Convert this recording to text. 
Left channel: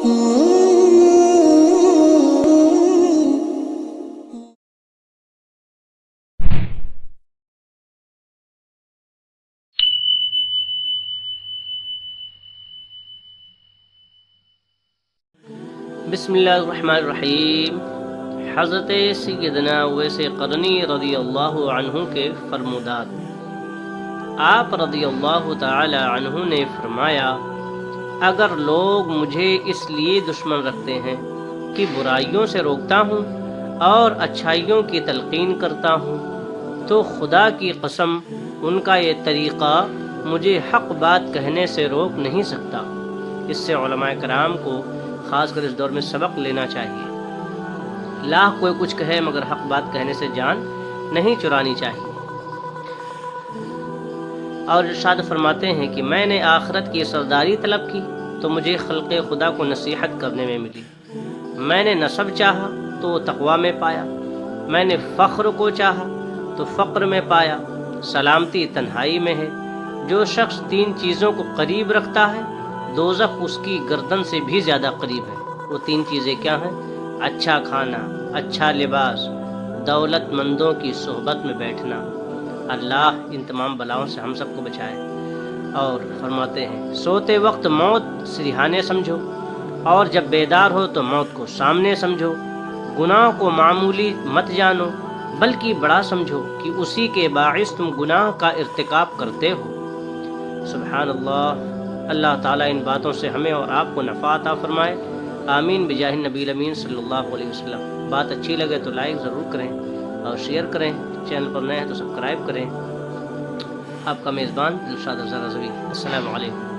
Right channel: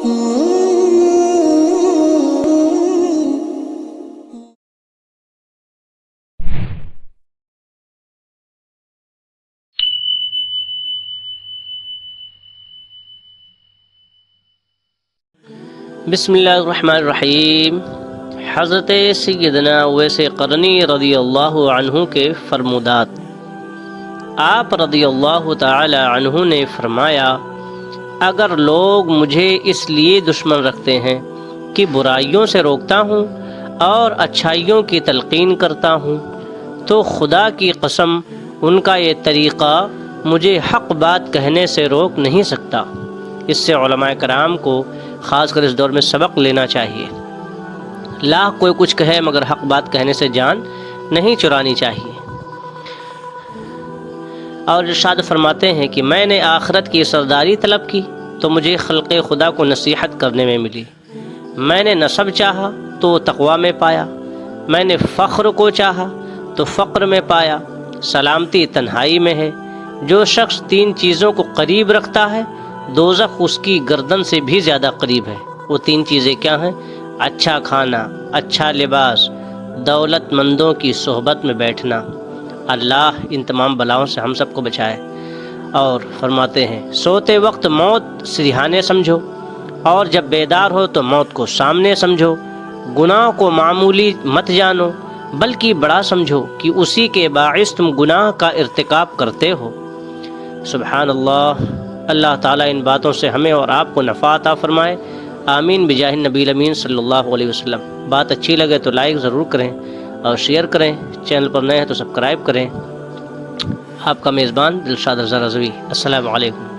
بسم اللہ الرحمن الرحیم۔ حضرت سیدنا اویس قرنی رضی اللہ عنہ کے فرمودات۔ آپ رضی اللہ تعالی عنہ نے فرمایا، اگر لوگ مجھے اس لیے دشمن رکھتے ہیں کہ برائیوں سے روکتا ہوں اور اچھائیوں کی تلقین کرتا ہوں، تو خدا کی قسم ان کا یہ طریقہ مجھے حق بات کہنے سے روک نہیں سکتا۔ اس سے علماء کرام کو خاص کر اس دور میں سبق لینا چاہیے۔ لاکھ کوئی کچھ کہے مگر حق بات کہنے سے جان نہیں چرانی چاہیے۔ اور ارشاد فرماتے ہیں کہ میں نے آخرت کی سرداری طلب کی تو مجھے خلق خدا کو نصیحت کرنے میں ملی۔ میں نے نسب چاہا تو تقوی میں پایا، میں نے فخر کو چاہا تو فقر میں پایا۔ سلامتی تنہائی میں ہے۔ جو شخص تین چیزوں کو قریب رکھتا ہے دوزخ اس کی گردن سے بھی زیادہ قریب ہے۔ وہ تین چیزیں کیا ہیں؟ اچھا کھانا، اچھا لباس، دولت مندوں کی صحبت میں بیٹھنا۔ اللہ ان تمام بلاؤں سے ہم سب کو بچائے۔ اور فرماتے ہیں، سوتے وقت موت سرہانے سمجھو، اور جب بیدار ہو تو موت کو سامنے سمجھو۔ گناہ کو معمولی مت جانو بلکہ بڑا سمجھو کہ اسی کے باعث تم گناہ کا ارتکاب کرتے ہو۔ سبحان اللہ۔ اللہ تعالیٰ ان باتوں سے ہمیں اور آپ کو نفع عطا فرمائے، آمین بجاہ النبی الامین صلی اللہ علیہ وسلم۔ بات اچھی لگے تو لائک ضرور کریں اور شیئر کریں، چینل پر نئے ہیں تو سبسکرائب کریں۔ آپ کا میزبان دلشاد رضوی۔ السلام علیکم۔